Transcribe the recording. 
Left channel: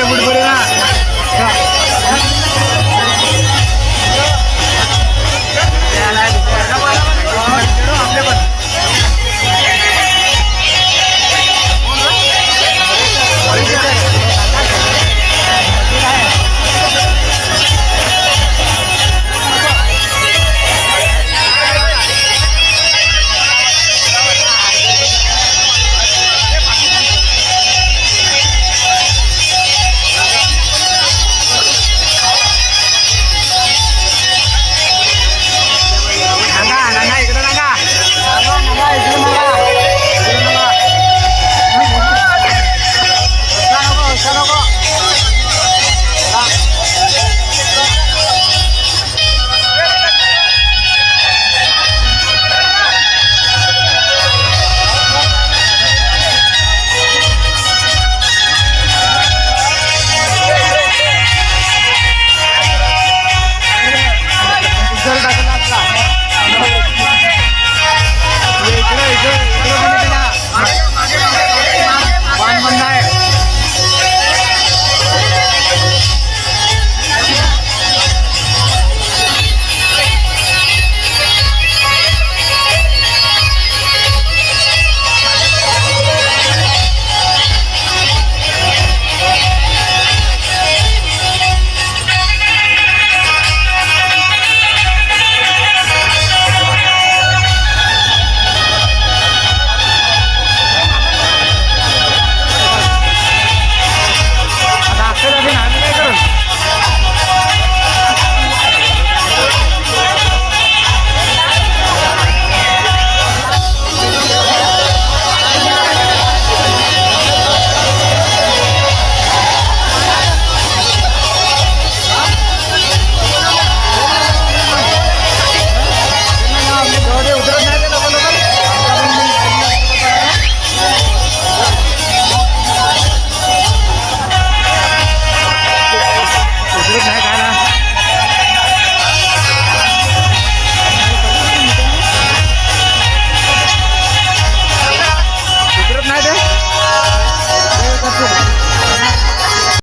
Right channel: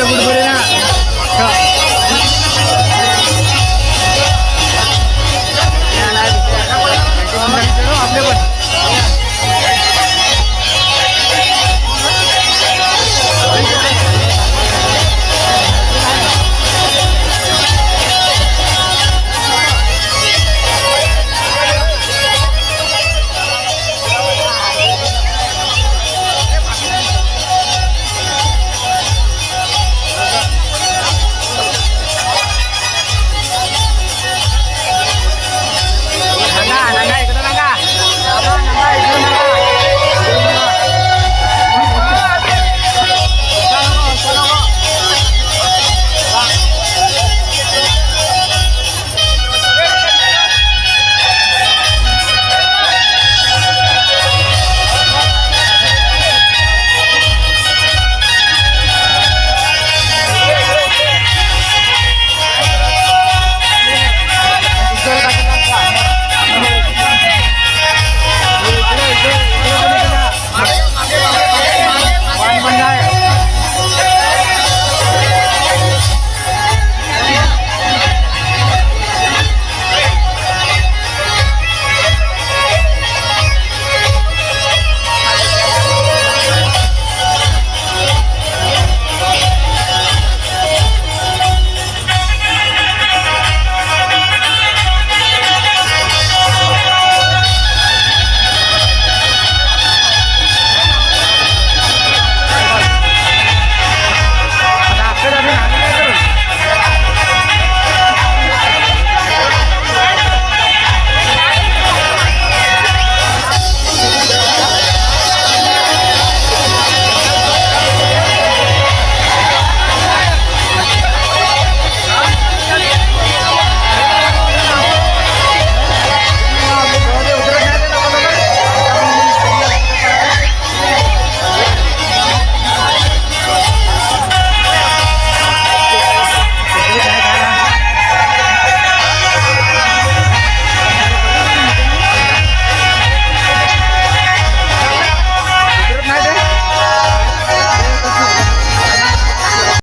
ಬಿಡ್ಬೇಡಿ